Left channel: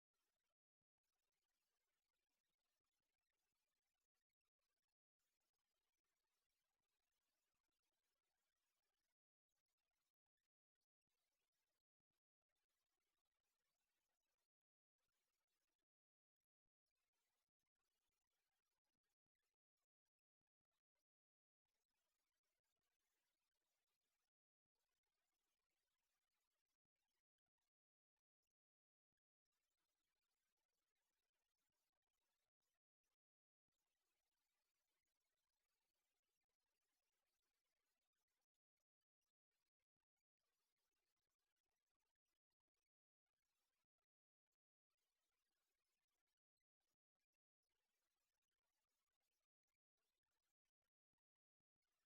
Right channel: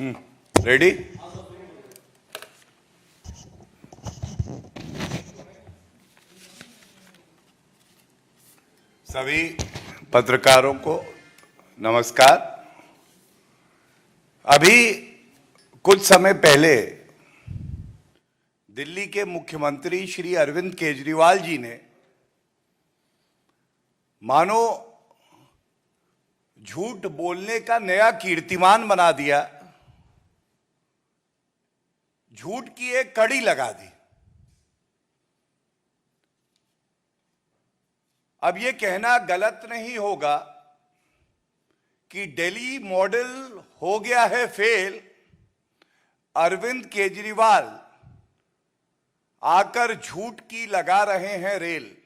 Ready. सभी पत्रकारों को नमस्कार। अभी कुछ समय पहले दिल्ली के मुख्यमंत्री श्री अरविंद केजरीवाल जी ने मानो झूठ बोलने का नया कीर्तिमान बना दिया, झूठ की एक कड़ी लगा दी। अब ये कहना गलत नहीं होगा कि दिल्ली मॉडल हो गया है फेल, अरविंद केजरीवाल आकर झूठ की लगा रहे हैं रेल।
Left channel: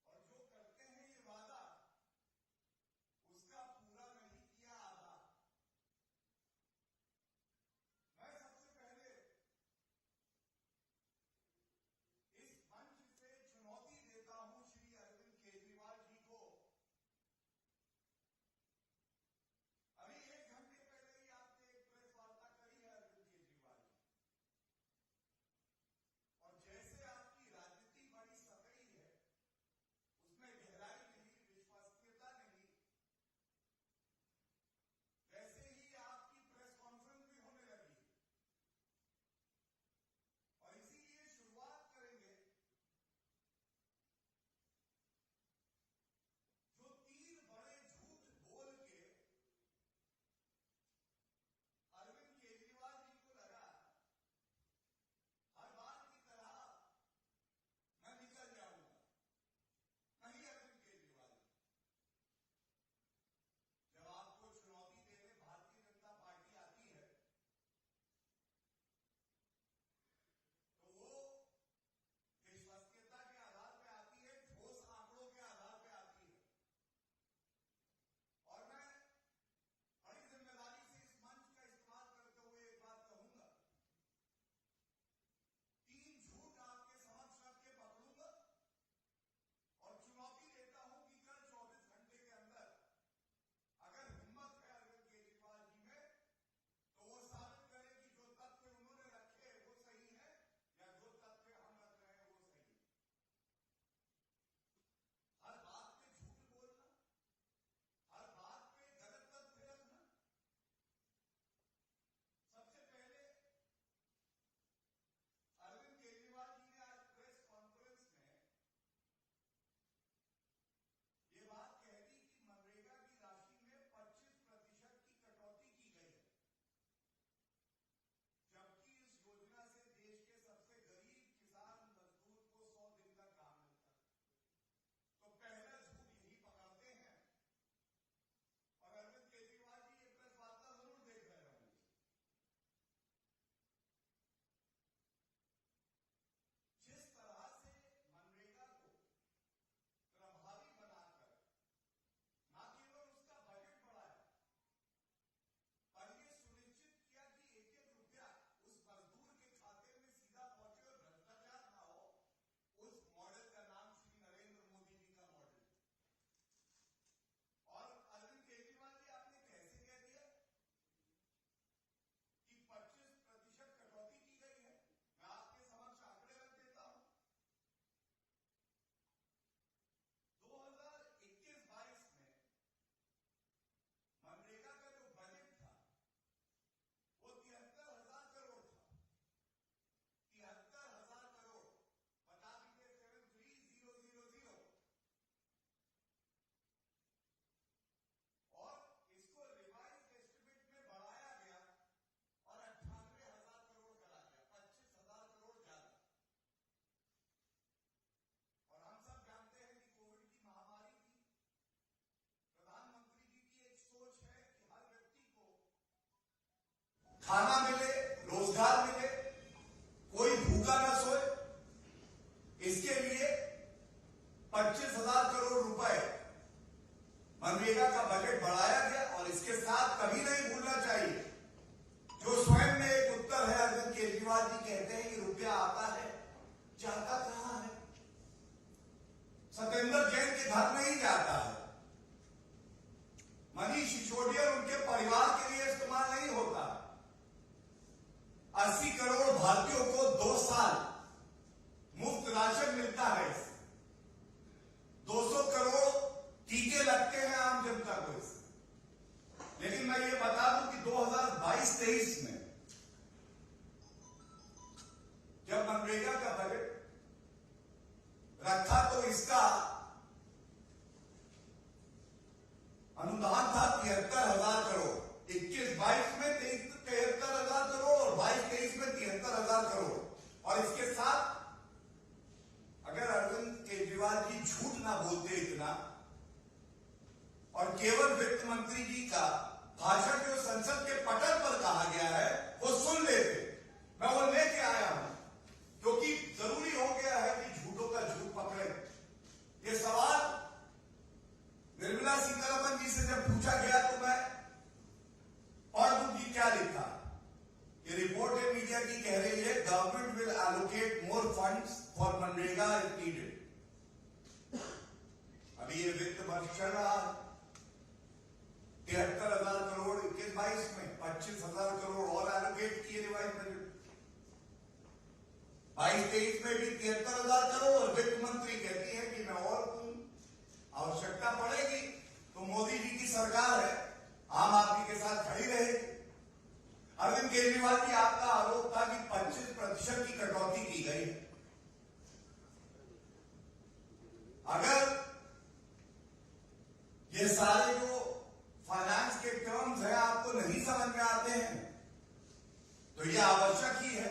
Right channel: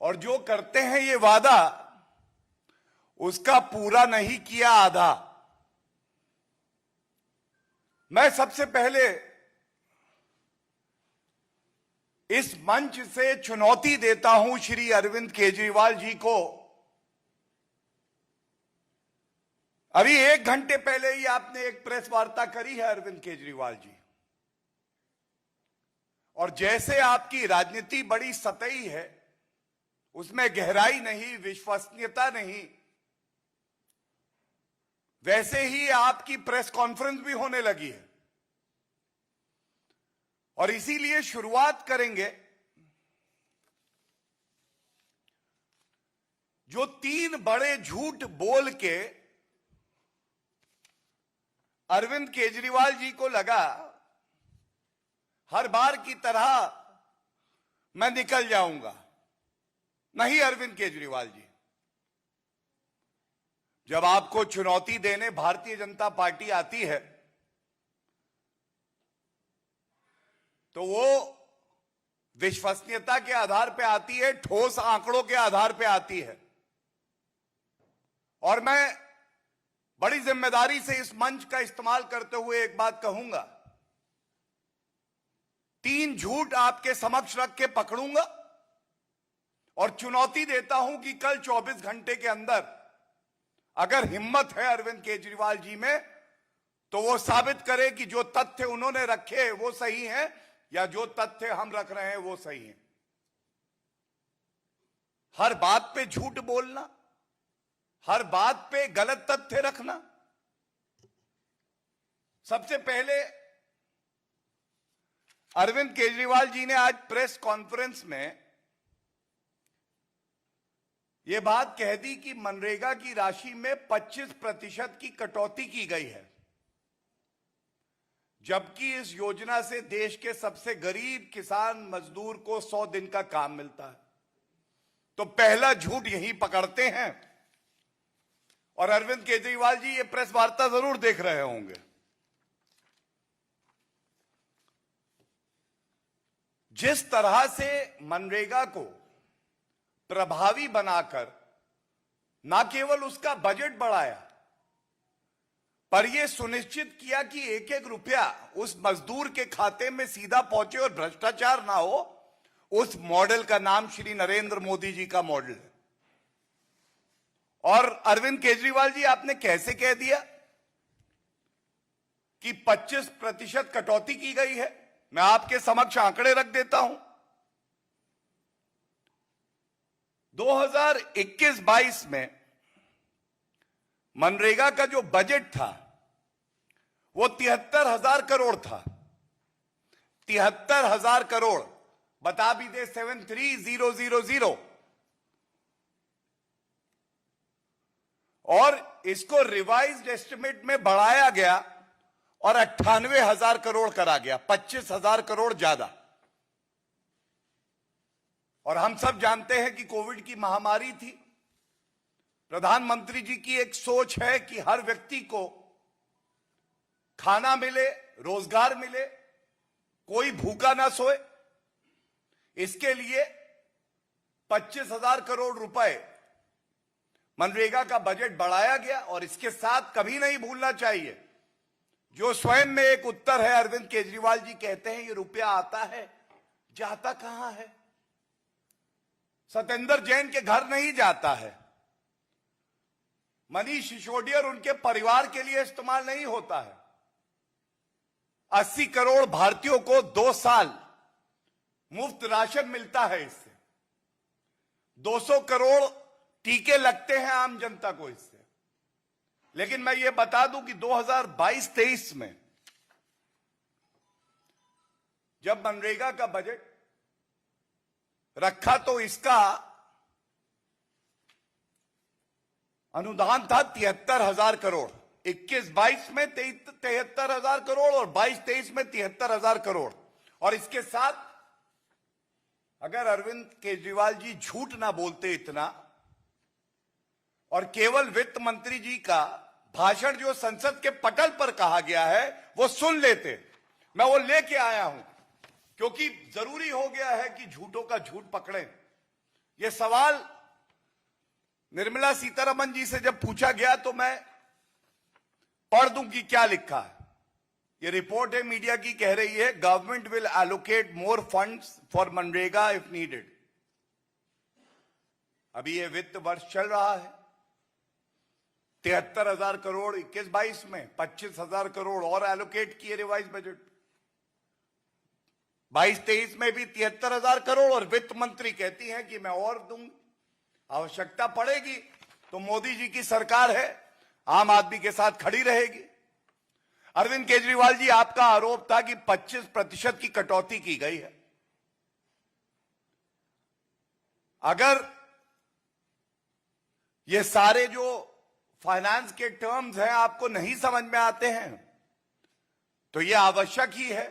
और जो करते हैं ये वादा, उसका पूरा नहीं किया आधा। मैं सबसे पहले इस मंच से चुनौती देता हूं श्री अरविंद केजरीवाल जी को। अभी 1 घंटे पहले ही आपने एक प्रेस वार्ता करी है अरविंद केजरीवाल जी, और जैसे आपकी राजनीति बड़ी सतही है, उसमें गहराई नहीं, विश्वसनीयता नहीं, वैसे ही आपकी प्रेस कॉन्फ्रेंस भी होने लगी है। और इसीलिए शुरुआत करेंगे जो 3 बड़े झूठ बोल के अरविंद केजरीवाल जी को लगा हर बार की तरह मैं निकल जाऊंगा। नहीं अरविंद केजरीवाल जी, जब आपको चुनौती देने भारतीय जनता पार्टी आती है तो वो विश्वसनीयता के आधार पे आती है, ठोस आंकड़ों के आधार पे आती है। और मैं बड़ी जिम्मेदारी से इस मंच का इस्तेमाल करते हुए एक बात कहूंगा, 3 झूठ आपके समक्ष रख के पकड़ूंगा और चुनौती देता हूं कि कल 24 घंटे के अंदर अगर हिम्मत है अरविंद केजरीवाल जी में, तो वो साबित करे कि जो तथ्य उन्होंने रखे वो सही है या जो तथ्य हम रख रहे हैं वो सही है। हर बात पे झूठ बोलना, हर बात पे गलत तथ्य रखना। सबसे पहले अरविंद केजरीवाल जी ने आज प्रेस कॉन्फ्रेंस में यह बात कह दी कि मनरेगा की राशि में 25% की कटौती की गई है, जबकि इस योजना से देश के सबसे गरीब किसान मजदूर को 100 दिन का काम मिलता है। तो पहला झूठ यही पकड़ते हैं। और अरविंद केजरीवाल जी ये प्रेस वार्ता जरूर देख रहे होंगे। जिस तरह से मनरेगा को प्रभावी बनाकर ना केवल उसका बजट बढ़ाया, पर यह सुनिश्चित किया कि एक एक रुपया उस मजदूर के खाते में सीधा पहुंचे और भ्रष्टाचार ना हो, उस मॉडल का नाम श्री नरेंद्र मोदी जी का मॉडल है। और अरविंद केजरीवाल जी, आपने कैसे कह दिया कि 25% कटौती की गई है? मैं आपके समक्ष आंकड़े रख देता हूं। 2021-22 में मनरेगा का जो बजट था वो 73,000 करोड़ था। 73,000 करोड़, बता भी दे 73,000, और इसको रिवाइज्ड एस्टिमेट में बढ़ाया गया और 98,000 करोड़ करा गया, 25,000 करोड़ ज्यादा। और हम सब जानते हैं कि कोविड की महामारी थी। प्रधानमंत्री जी की एक सोच है कि हर व्यक्ति को खाना मिले, रोजगार मिले, कोई भूखा ना सोए। इसके लिए 25,000 करोड़ रुपए मनरेगा का बजट बढ़ाया गया। और इसके साथ कभी नहीं भूलना चाहिए, जो स्वयं में एक उत्तर है, अरविंद केजरीवाल जी कहते हैं ये रुपया आता है, जाता कहां है? सत्येंद्र जैन के घर नहीं जाता है, मनीष सिसोदिया और उनके परिवार के लिए इस्तेमाल नहीं होता है। 80 करोड़ भारतीयों को 2 साल मुफ्त राशन मिलता है इससे। 200 करोड़ टीके लगते हैं आम जनता को इससे। लेकिन मैं ये बता दूं कि 2022-23 में जब मनरेगा का बजट रखा तो इसका अनुदान था 73,000 करोड़। 21-22 में 73,000 करोड़ और 22-23 में 73,000 करोड़। और इसके साथ अगर अरविंद केजरीवाल जी झूठ ना बोलते इतना और केवल वित्त मंत्री जी का भाषण जो संसद के पटल पर कहा गया है वो सुन लेते, मैं वो लेके आया हूं, क्योंकि जरूरी हो गया है कि झूठों का झूठ पकड़े। ये सवाल निर्मला सीतारमण जी से जब पूछा गया तो मैं पढ़ दूं कि क्या लिखा है। ये रिपोर्ट है मीडिया की, कह रही है government will allocate more funds for MNREGA if needed. अभी ये वित्त वर्ष चल रहा है, 73,000 करोड़ 21-22 में, 25,000 करोड़ और एलोकेट किए रिवाइज बजट। 22-23 में भी 73,000 करोड़ और वित्त मंत्री कहती हैं कि मैं और दूं, आवश्यकता पड़ेगी तो मोदी जी की सरकार है, आम आदमी के साथ खड़ी रहेगी। अरविंद केजरीवाल जी, आपका आरोप था कि 25% की कटौती की गई है। अगर ये सारे जो फाइनेंस के टर्म्स हैं आपको नहीं समझ में आते हैं तो यह आवश्यक ही है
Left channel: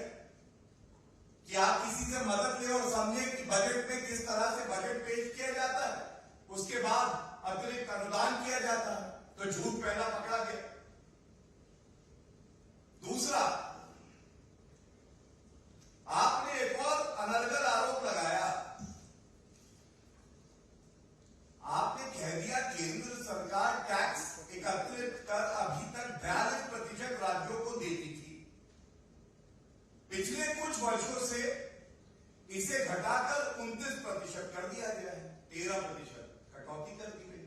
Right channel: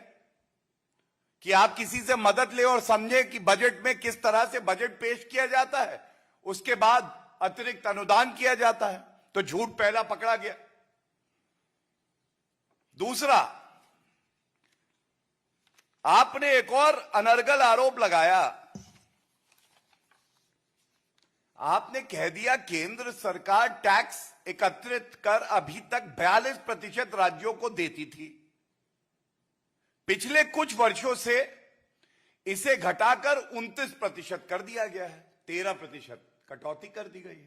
कि आप किसी से मदद लें और समझें कि बजट में किस तरह से बजट पेश किया जाता है, उसके बाद अतिरिक्त अनुदान किया जाता है। तो झूठ पहला पकड़ा गया। दूसरा, आपने एक और अनर्गल आरोप लगाया। आपने कह दिया केंद्र सरकार टैक्स एकत्रित कर अभी तक 42% राज्यों को देती थी, पिछले कुछ वर्षों से इसे घटाकर 29% कर दिया गया है, 13% कटौती कर दी गई।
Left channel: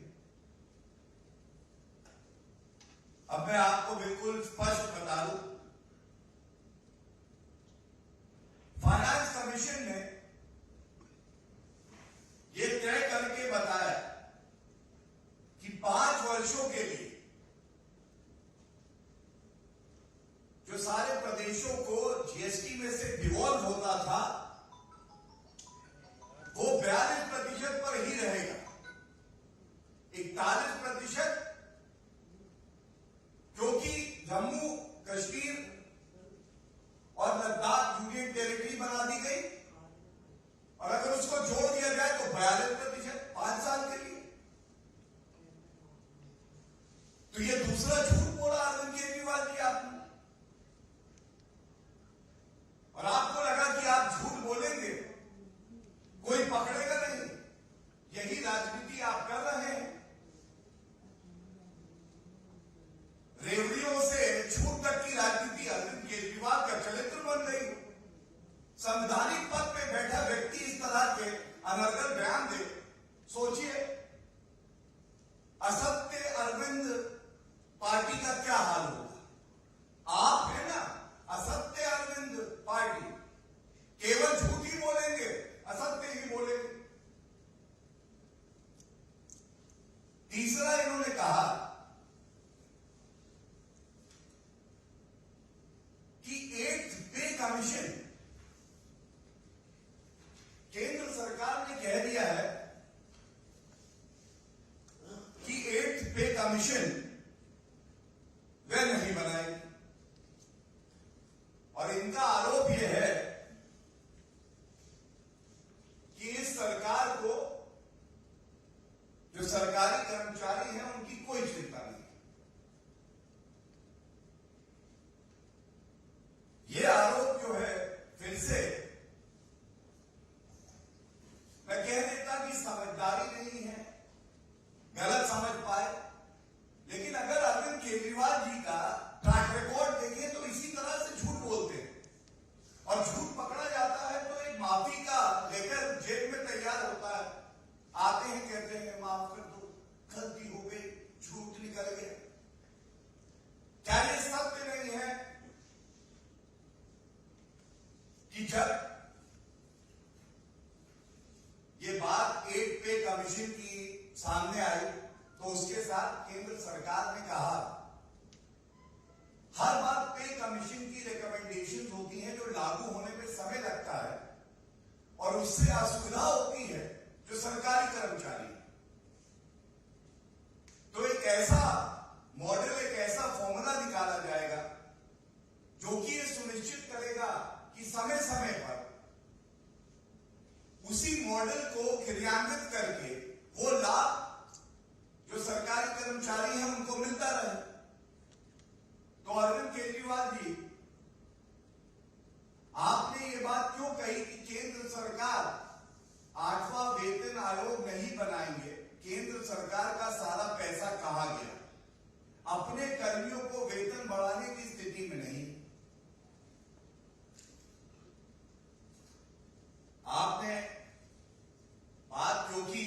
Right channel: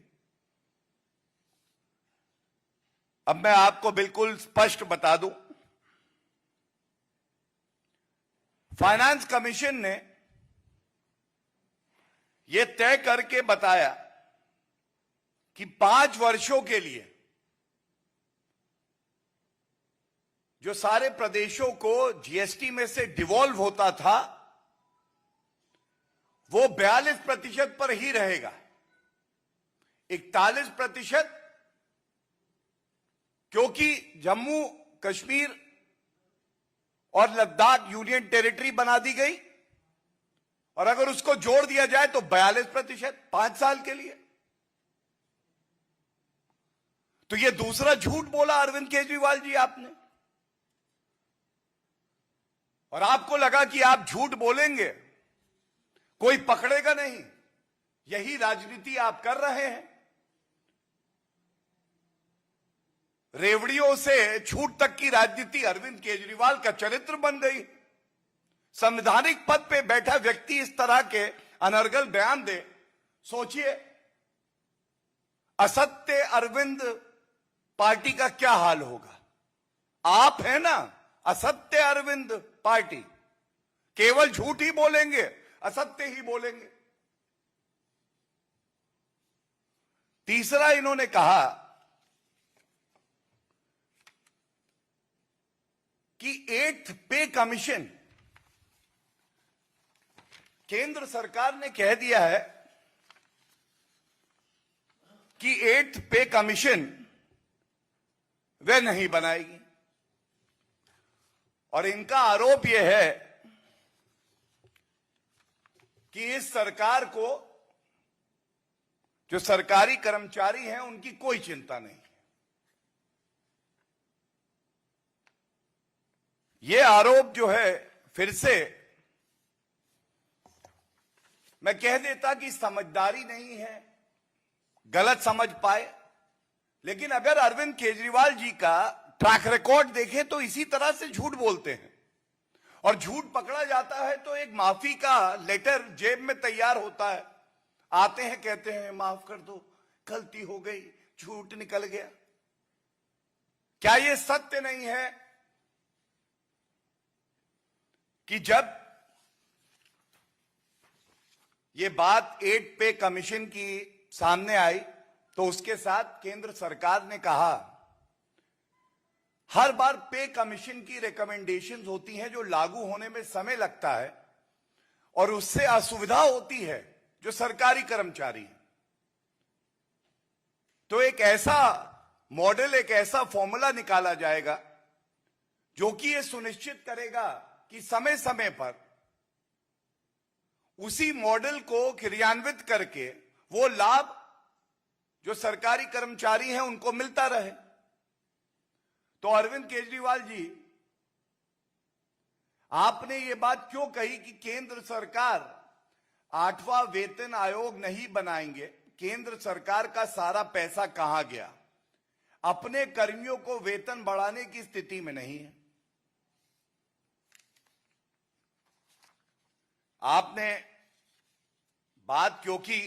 अब मैं आपको बिल्कुल स्पष्ट बता दूं, फाइनेंस कमीशन ने यह तय करके बताया कि 5 वर्षों के लिए जो सारे प्रदेशों को जीएसटी में से डिवॉल्व होता था वो 42% पर ही रहेगा। 41% क्योंकि जम्मू कश्मीर और लद्दाख यूनियन टेरिटरी बना दी गई और अगर उसको जोड़ दिया जाए तो 42% 5 साल के लिए। तो ये दूसरा झूठ बोला अरविंद केजरीवाल जी आपने, और आपको लगा कि आप झूठ बोलेंगे कोई पकड़ेगा नहीं। यही राजनीति आप कर रहे हैं। रेवड़ियों से झूठ तक की राजनीति अरविंद केजरीवाल का चरित्र बन गई। संवैधानिक पद पे बैठा व्यक्ति इस तरह के अनर्गल बयान दे, सोचिए असत्य अरविंद पार्टी का क्या हाल होगा। आप है ना असत्य अरविंद पार्टी, केवल झूठ ही बोलेंगे, असत्य ही बोलेंगे। तीसरा, इन्होंने कहा कि 8th पे कमीशन, केंद्र सरकार ने कह दिया है कि 8th पे कमीशन वे नहीं बनाएगी, और इनका आरोप यह है कि इस सरकार को जो सरकारी कर्मचारी हैं उनकी कोई चिंता नहीं। यह आरोप जो है, फिर से मैं कह देता कि समझदारी नहीं है, गलत समझ पाए, लेकिन अगर अरविंद केजरीवाल जी का ट्रैक रिकॉर्ड देखें तो इसी तरह से झूठ बोलते हैं, और झूठ पकड़ा जाता है तो एक माफी का लेटर जेब में तैयार होता है, आते हैं कहते हैं माफ कर दो, गलती हो गई, झूठ निकल गया। क्या यह सत्य नहीं है कि जब ये बात 8 पे कमीशन की सामने आई तो उसके साथ केंद्र सरकार ने कहा हर बार पे कमीशन की रिकमेंडेशंस होती हैं जो लागू होने में समय लगता है और उससे असुविधा होती है जो सरकारी कर्मचारी। तो एक ऐसा मॉडल, एक ऐसा फॉर्मूला निकाला जाएगा जो कि यह सुनिश्चित करेगा कि समय समय पर उसी मॉडल को क्रियान्वित करके वो लाभ जो सरकारी कर्मचारी हैं उनको मिलता रहे। तो अरविंद केजरीवाल जी, आपने ये बात क्यों कही कि केंद्र सरकार 8वां वेतन आयोग नहीं बनाएंगे? केंद्र सरकार का सारा पैसा कहां गया? अपने कर्मियों को वेतन बढ़ाने की स्थिति में नहीं है। आपने बात क्योंकि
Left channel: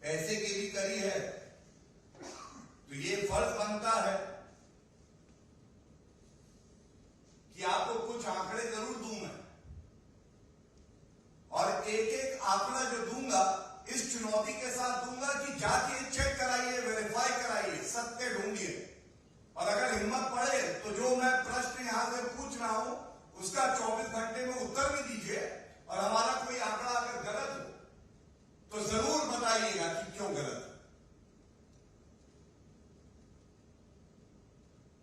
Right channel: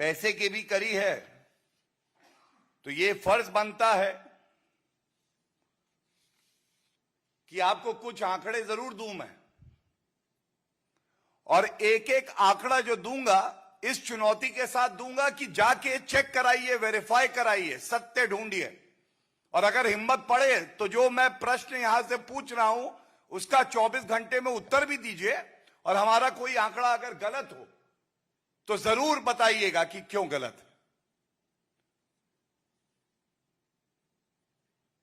पैसे की भी करी है तो ये फर्ज बनता है कि आपको कुछ आंकड़े जरूर दूं मैं, और एक एक आंकड़ा जो दूंगा इस चुनौती के साथ दूंगा कि जाके चेक कराइए, वेरीफाई कराइए, सत्य ढूंढिए, और अगर हिम्मत पड़े तो जो मैं प्रश्न यहां से पूछ रहा हूं उसका 24 घंटे में उत्तर भी दीजिए, और हमारा कोई आंकड़ा अगर गलत हो तो जरूर बताइएगा कि क्यों गलत है।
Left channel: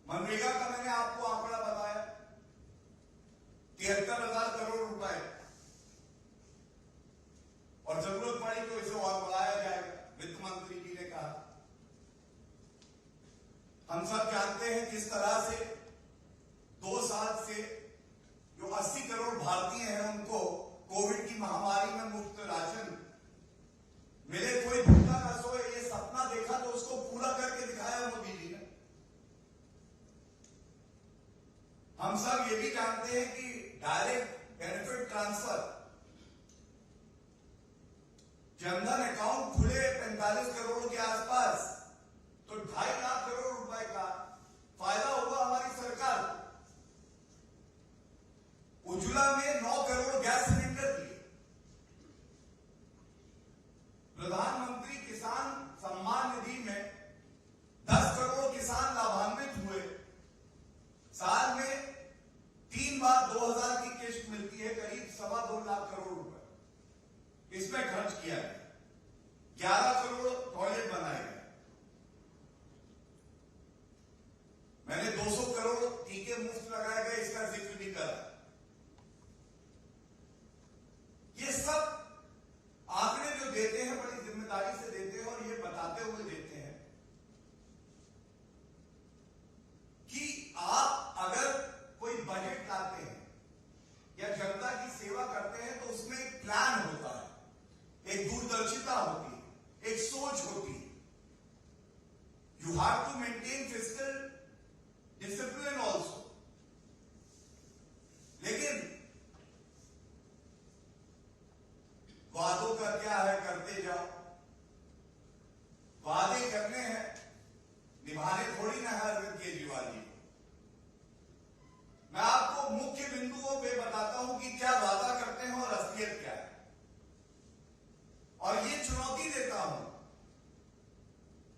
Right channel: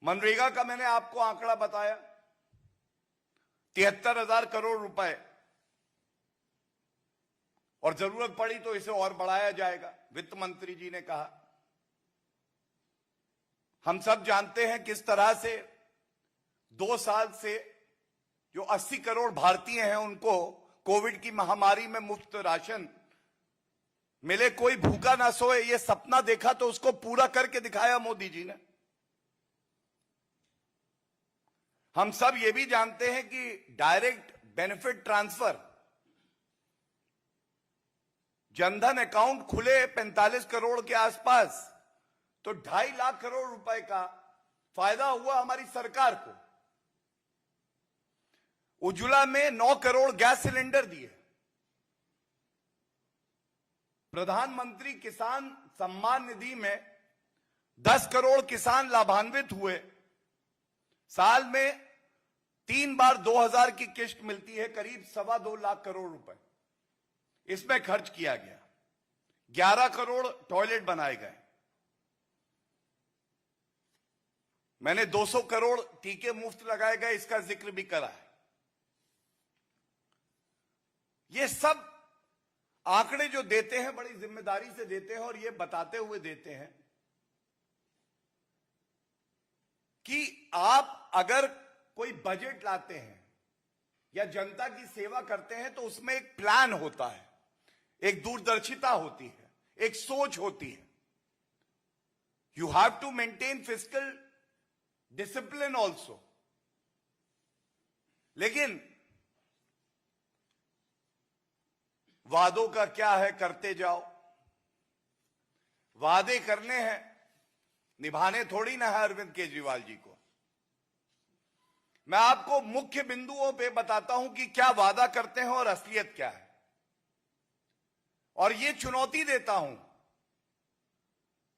मनरेगा का मैंने आपको आंकड़ा बताया 73,000 करोड़ रुपए, और जरूरत पड़ी तो इसे और बढ़ाया जाएगा, वित्त मंत्री जी ने कहा। हम सब जानते हैं किस तरह से 2 साल से जो 80 करोड़ भारतीय हैं उनको कोविड की महामारी में मुफ्त राशन मिले, कोई भूखा ना सोए, ये सपना देखा तो उसको पूरा करके दिखाया मोदी जी ने। हम सब ये भी जानते हैं कि direct benefit transfer, Jan Dhan account खुले 45 करोड़ के आसपास, तो 2.5 लाख करोड़ रुपए का फायदा हुआ हमारी सरकार को। उज्ज्वला में 9 करोड़ गैस सिलेंडर दिए, प्रधानमंत्री किसान सम्मान निधि में 10 करोड़ किसान लाभान्वित हुए। साल में 3 बार 2,000 की किस्त मिलती है, करीब 2.25 लाख करोड़ रुपए इसमें खर्च किया गया। 11 करोड़ टॉयलेट बनाए गए। मैंने 200 करोड़ टीके मुफ्त लगाए गए, इसका जिक्र भी करा। ये सब आंकड़े जो देते हैं बड़ी जिम्मेदारी से देते हैं, और ये बताते हुए देते हैं कि आप अगर कोई बजट लाते हैं या जनता की सेवा करते हैं तो उसमें एक प्लान होता है, एक दूरदर्शिता होती है, एक सोच होती है। You have to maintain fiscal discipline also. लेकिन वादों का क्या है, करते जाओ। वादे करने हैं, निभाने थोड़ी ना है अरविंद केजरीवाल जी को। मैं आपको मुख्य बिंदुओं पे बताता हूं कि क्या वादा करते हैं और असलियत क्या है, और ये चुनौती देता हूं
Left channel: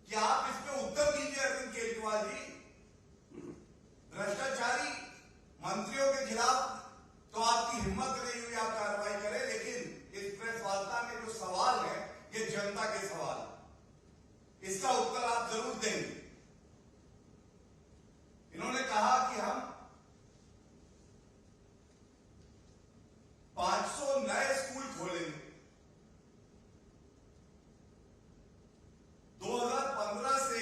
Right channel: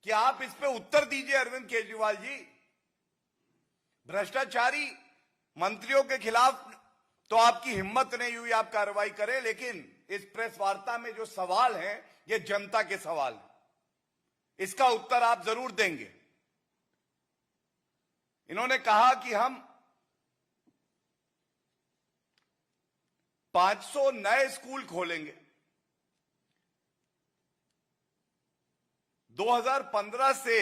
कि आप इस पे उत्तर दीजिए अरविंद केजरीवाल जी। भ्रष्टाचारी मंत्रियों के खिलाफ तो आपकी हिम्मत नहीं हुई आप कार्रवाई करें, लेकिन इस प्रेस वार्ता में जो सवाल है ये जनता के सवाल है, इसका उत्तर आप जरूर देंगे। इन्होंने कहा कि हम 500 नए स्कूल खोलेंगे। 2015 से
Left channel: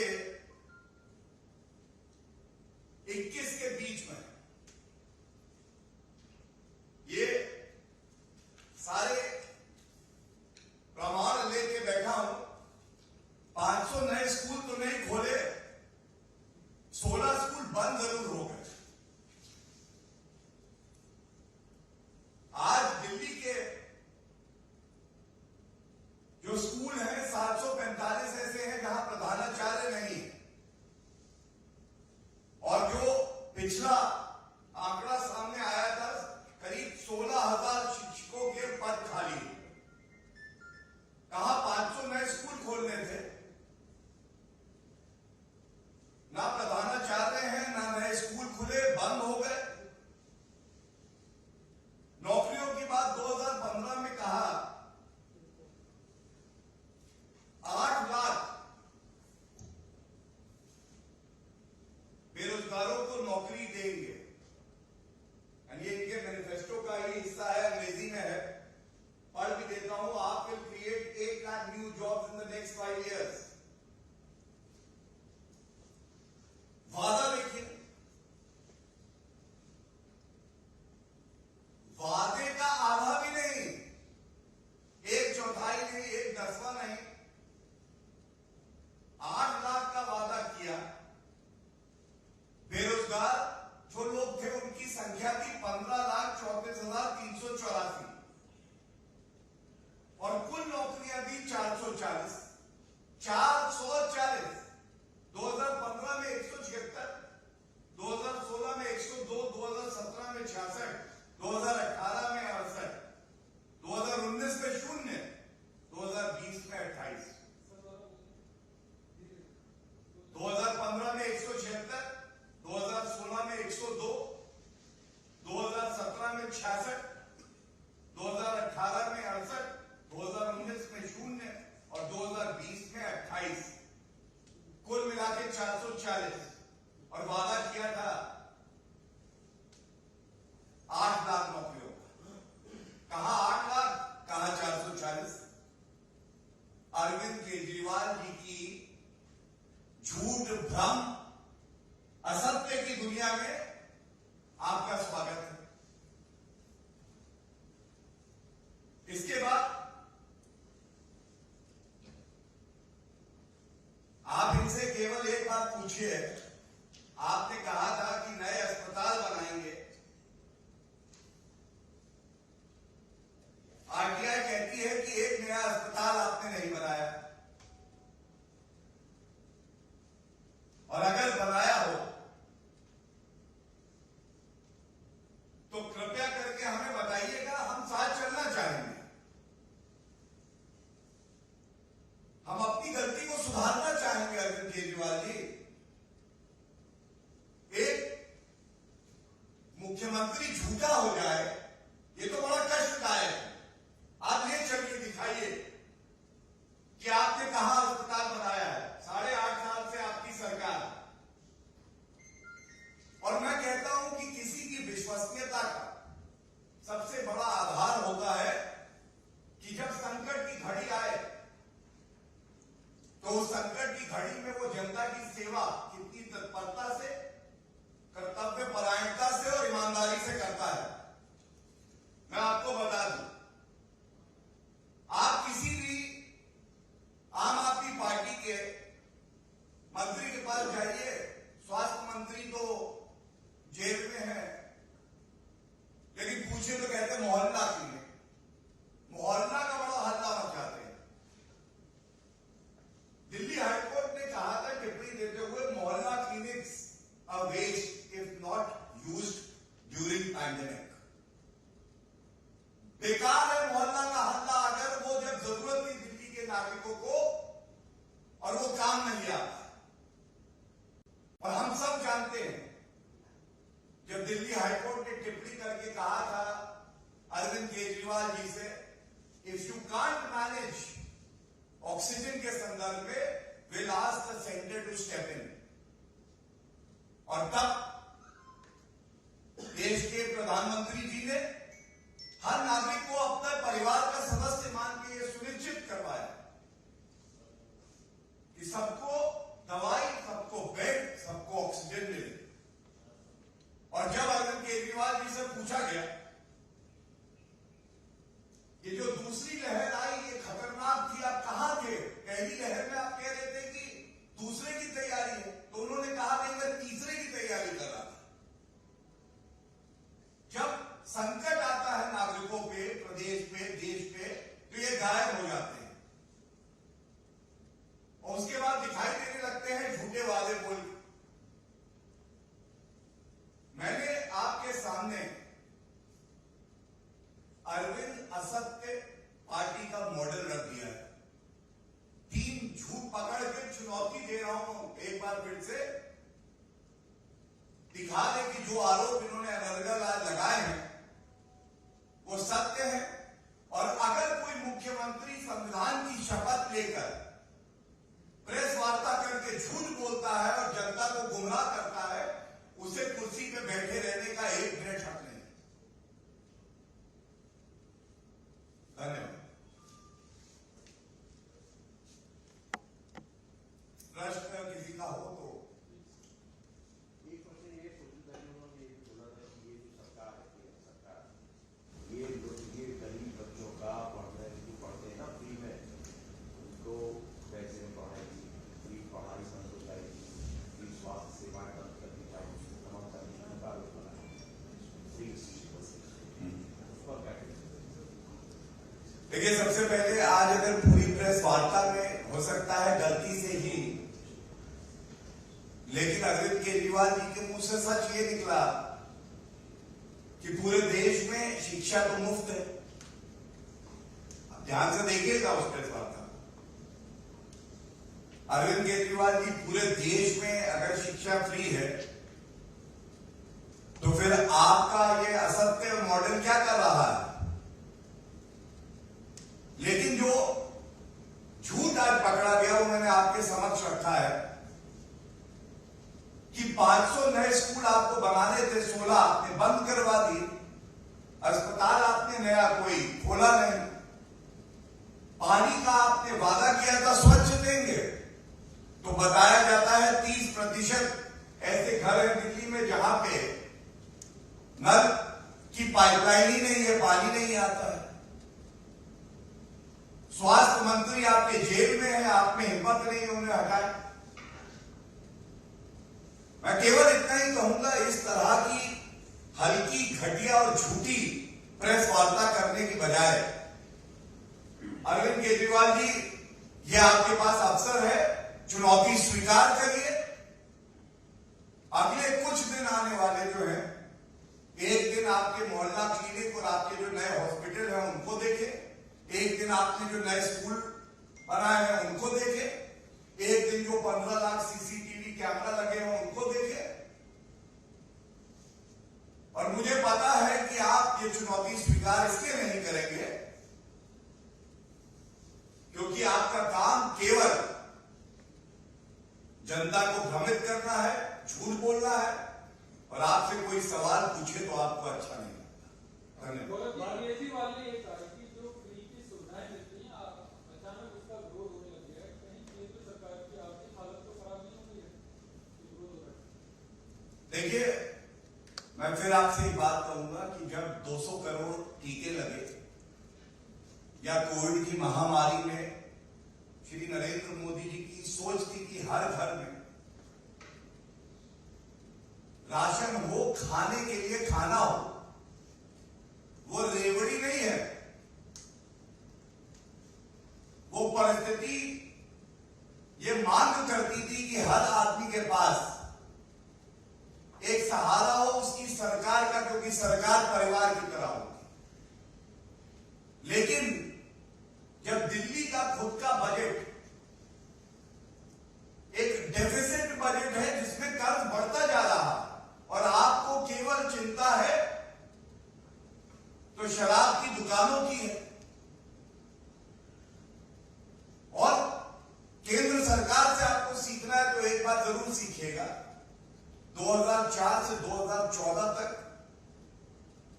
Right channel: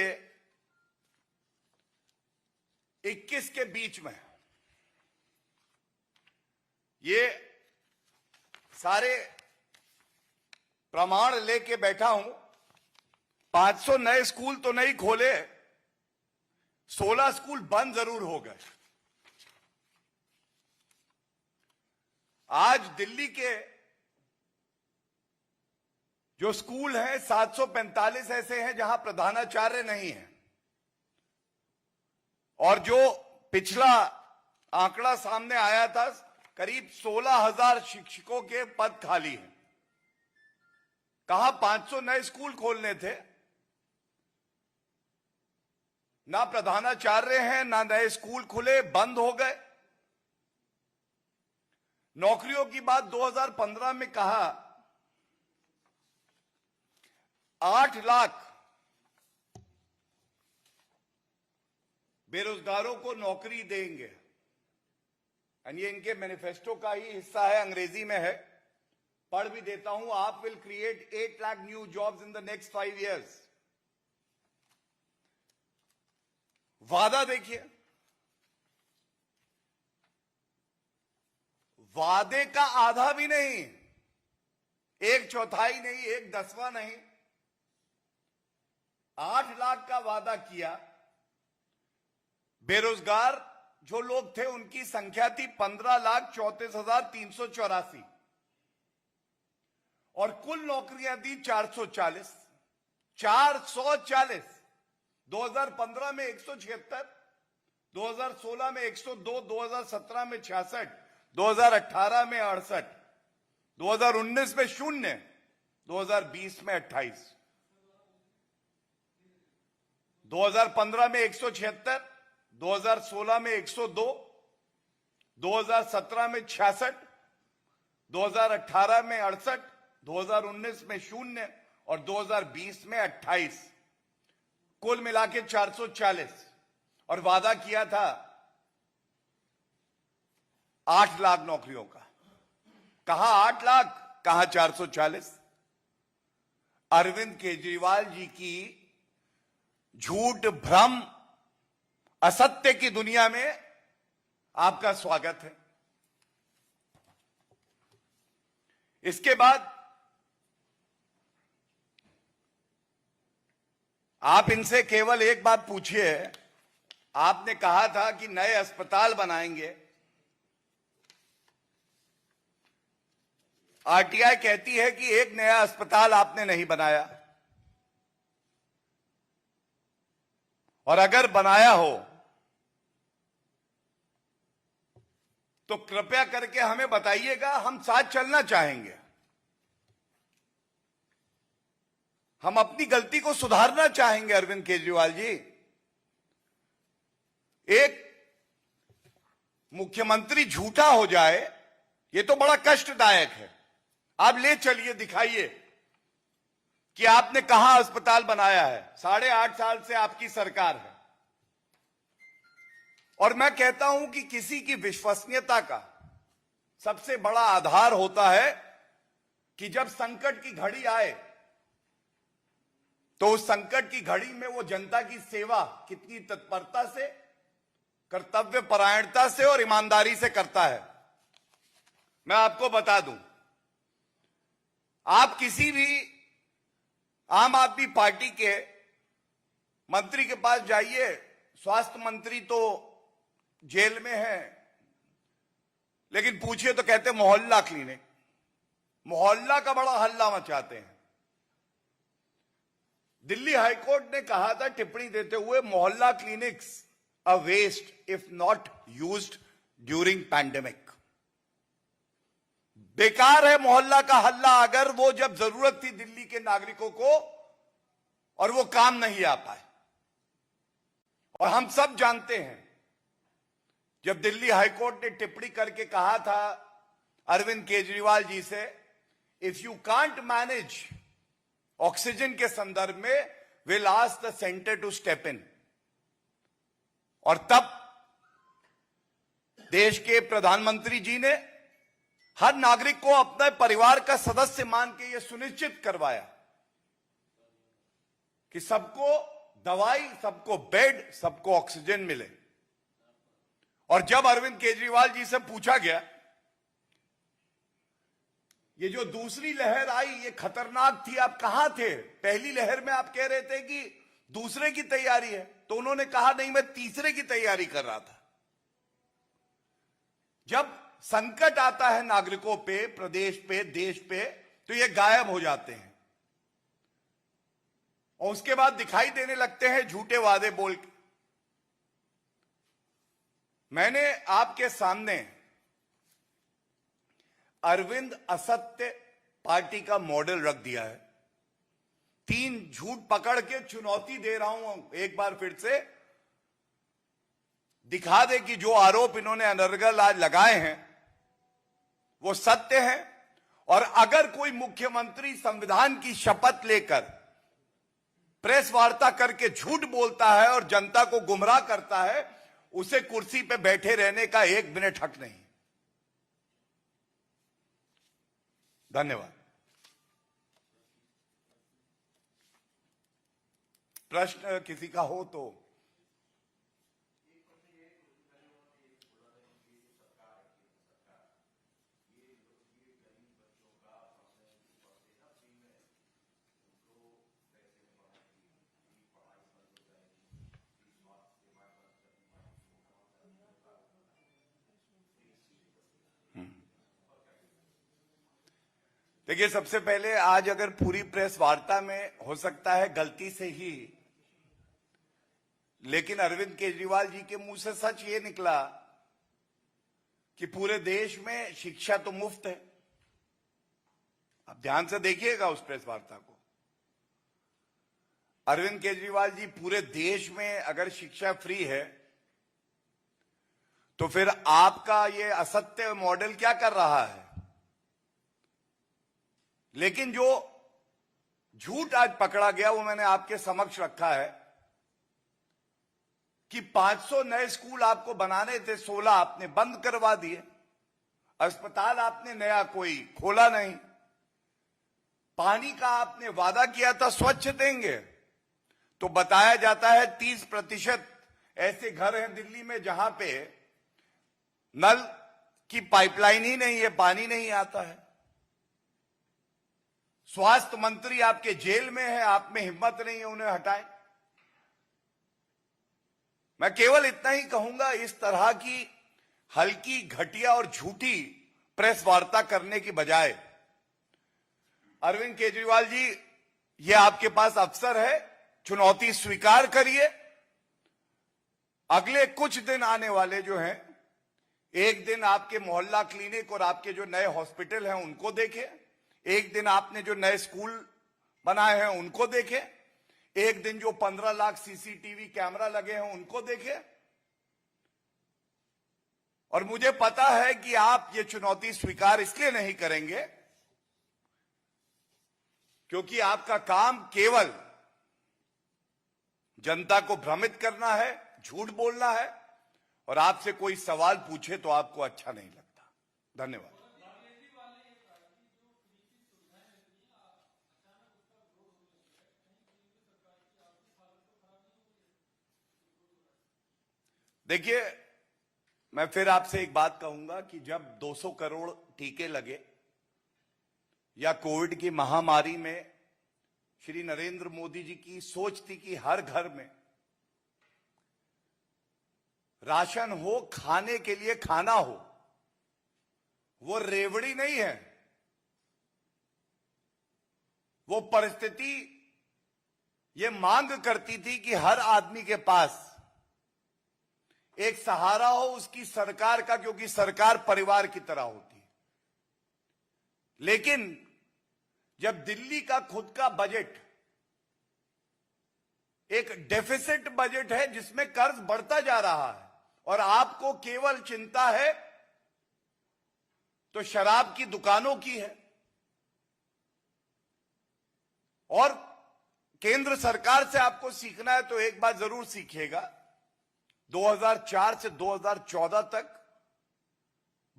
21 के बीच में ये सारे प्रमाण लेके बैठा हूं। 500 नए स्कूल तो नहीं खोले, 16 स्कूल बंद जरूर हो गए। आज दिल्ली के जो स्कूल हैं 745 ऐसे हैं जहां प्रधानाचार्य नहीं है, और जो पिछला आंकड़ा सामने आया था करीब 16,000 शिक्षकों के पद खाली हैं। कहा 500 नए स्कूल खोलने थे, ना प्रधानाचार्य हैं, ना नए स्कूल खुले, बंद हो गए। नौकरियों की बात 2015 में कहा 8 लाख बेरोजगारों को नौकरी देंगे, और ये इनके मैनिफेस्टो का ही हिस्सा है, अंग्रेजी में है, पढ़ भी देता हूं। आप will create 8 lakh new jobs in the next 5 years। वादा देखिए, वादे का आधा भी नहीं, 1/4 नहीं, 1/10 नहीं, 8 लाख का वादा किया। बेरोजगार जो लोग थे उनकी संख्या थी 15,34,384, और कुल नौकरियां दी 440। 2015 में 176, 2016 में 102, 2017 में 66, 2018 में 68, 2019 में 0, 2020 में 28। 2015 में 176, 2016 में 102, 2017 में 66, 2018 में 68, 2019 में 0 और 2020 में 28, कुल मिला के 440। और वादा किया था 8 लाख नौकरियों का। कहा 8 लाख, कहा 440। अरविंद केजरीवाल जी की झूठ, भ्रम, असत्य की दुनिया में आपका स्वागत है। इसके बाद आप इनसे केवल एक बात पूछिए। आपने कहा था कि नए अस्पताल बनाएंगे, आरटीआई कहती है कि एक नया अस्पताल आपने नहीं बनाया, और अगर बनाया हो तो कृपया करके हमें बताइएगा, हम साथ चलना चाहेंगे। हम अपनी गलती को सुधारना चाहेंगे। अरविंद केजरीवाल जी, एक मुख्यमंत्री झूठा हो जाए ये तो बड़ा कष्टदायक है। आप ले चलिए, दिखाइए कि आपने कहां अस्पताल बनाया है। 8.5 साल से आपकी सरकार है, और मैं कहता हूं कि किसी की विश्वसनीयता का सबसे बड़ा आधार होता है कि जब संकट की घड़ी आए तो उस संकट की घड़ी में वो जनता की सेवा कितनी तत्परता से, कर्तव्य परायणता से और ईमानदारी से करता है। मैं आपको बता दूं, आप किसी भी आम आदमी पार्टी के मंत्री के पास जाइए, स्वास्थ्य मंत्री तो जेल में है, लेकिन पूछिए तो कहते मोहल्ला क्लिनिक। मोहल्ला का बड़ा हल्ला मचाते हैं। दिल्ली हाईकोर्ट ने कहा था टिप्पणी देते हुए, Mohalla clinics a waste if not used during pandemic. बेकार है मोहल्ला का हल्ला अगर वो जब जरूरत थी दिल्ली के नागरिकों को और वो काम नहीं आ पाए। और हम सब जानते हैं, जब दिल्ली हाईकोर्ट ने टिप्पणी करके कहा था अरविंद केजरीवाल जी से, if you can't manage oxygen के संदर्भ में, will ask the centre to step in. और तब देश के प्रधानमंत्री जी ने हर नागरिक को अपने परिवार का सदस्य मान के यह सुनिश्चित करवाया कि सबको दवाई, सबको बेड, सबको ऑक्सीजन मिले। और जब अरविंद केजरीवाल जी से पूछा गया, ये जो दूसरी लहर आई ये खतरनाक थी, आप कहां थे? पहली लहर में आप कह रहे थे कि दूसरे की तैयारी है, तो उन्होंने कहा नहीं, मैं तीसरे की तैयारी कर रहा था। जब संकट आता है नागरिकों पे, प्रदेश पे, देश पे, तो ये गायब हो जाते हैं। और उसके बाद दिखाई देने लगते हैं झूठे वादे बोल के। मैंने आपके सामने अरविंद असत्य पार्टी का मॉडल रख दिया है। 3 झूठ पकड़ के चुनौती दे रहा हूं, एक बार फिर से दिखा दे कि जो आरोप इन्होंने अनर्गल आज लगाए हैं वो सत्य है। और अगर कोई मुख्यमंत्री संविधान की शपथ लेकर प्रेस वार्ता करके झूठ बोलता है और जनता को गुमराह करता है, उसे कुर्सी पे बैठे रहने का 1 मिनट हक नहीं। धन्यवाद। प्रश्न किसी का हो तो। देखिए, सबसे पहले आज अगर पूरी प्रेस वार्ता में हो सकता है गलती से ही, लेकिन अरविंद केजरीवाल जी के मुंह से सच ये निकला कि पूरे देश में शिक्षा तो मुफ्त है। आप ध्यान से देखिएगा उस प्रेस वार्ता। अरविंद केजरीवाल जी, पूरे देश में अगर शिक्षा फ्री है तो फिर आपका ये असत्य मॉडल क्या कर रहा है? लेकिन जो झूठ आज पकड़ा गया वो मैंने आपके समक्ष रखा है कि 500 नए स्कूल आपको बनाने थे, 16 आपने बंद करवा दिए। अस्पताल आपने नया कोई खोला नहीं। पानी का आपने वादा किया था स्वच्छ देंगे, तो बताया जाता है 30% ऐसे घर हैं दिल्ली में जहां पे नल की पाइपलाइन ही नहीं है, पानी नहीं आता है। स्वास्थ्य मंत्री आपके जेल में है, आप में हिम्मत नहीं है उन्हें हटाए। मैं केवल इतना ही कहूंगा, इस तरह की हल्की, घटिया और झूठी प्रेस वार्ता करने की बजाय अरविंद केजरीवाल जी, ये आपके पास अवसर है, चुनौती स्वीकार करिए। अगले कुछ दिन आने वाले जो हैं, एक दिन आपके मोहल्ला क्लिनिक और आपके जो नए हॉस्पिटल हैं उनको देखें, एक दिन आपने जो नए स्कूल बनाए हैं उनको देखें, एक दिन जो 15 लाख सीसीटीवी कैमरा लगे हैं उनको देखें। और मुझे पता है कि आप ये चुनौती स्वीकार इसलिए नहीं करेंगे क्योंकि आपका काम केवल जनता को भ्रमित करना है, झूठ बोलना है, और आपसे कोई सवाल पूछे तो आपको अच्छा नहीं लगता। धन्यवाद। देखिए, मैं फिर आपसे एक बात कहूंगा कि जब 200 करोड़ टीके लगे या कोविड की महामारी में श्री नरेंद्र मोदी जी की सोच थी कि हर घर में राशन हो, खाने के लिए खाना हो, वो रेवड़ी नहीं है। वो परिस्थिति ये मांग करती थी कि हर आदमी के पास एक सहारा हो उसकी सरकार का, क्योंकि सरकार परिवार की तरह होती। लेकिन जब दिल्ली का खुद का बजट एक डेफिसिट बजट है जिसमें कर्ज बढ़ता जा रहा है और आपको केवल चिंता है तो शराब की दुकानों की है, और केंद्र सरकार से आपको सीखना है तो एक बात जरूर सीखिएगा। 2004 से 2014 तक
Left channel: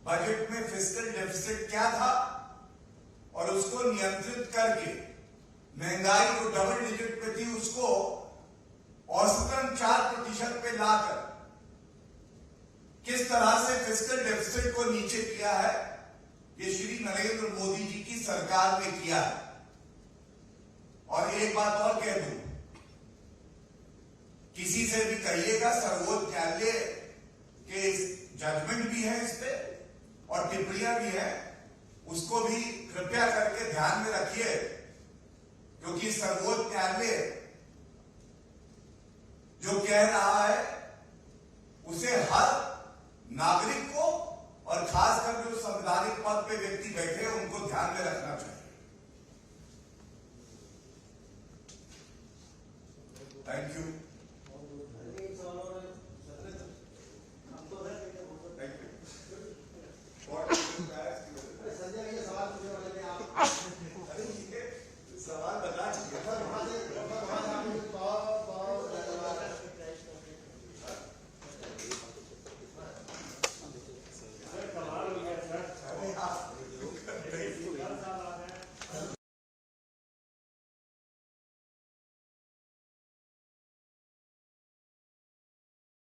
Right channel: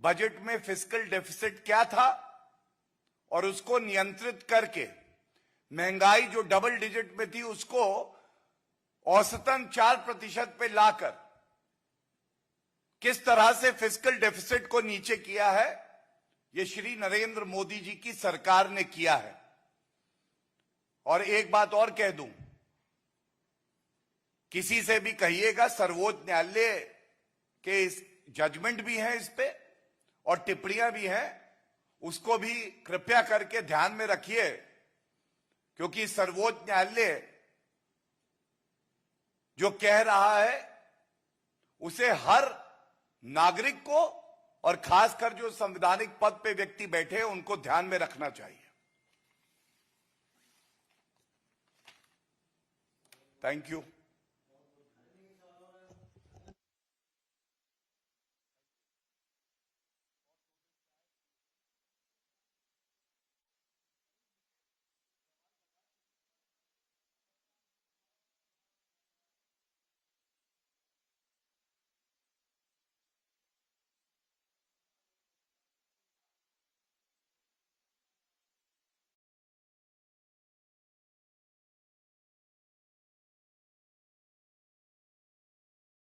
बजट में फिस्कल डेफिसिट क्या था और उसको नियंत्रित करके महंगाई जो डबल डिजिट में थी उसको औसतन 4% पे लाकर किस तरह से फिस्कल डेफिसिट को नीचे किया है, ये श्री नरेंद्र मोदी जी की सरकार ने किया है। और एक बात और कह दूं, किसी से भी कहिएगा, सर्वोच्च न्यायालय के जजमेंट भी हैं इस पे और टिप्पणियां भी हैं, उसको भी कृपया करके ध्यान में रखिए, क्योंकि सर्वोच्च न्यायालय जो कह रहा है उसे हर नागरिक को और खासकर जो संवैधानिक पद पे व्यक्ति बैठे हैं उनको ध्यान में रखना चाहिए। Thank you.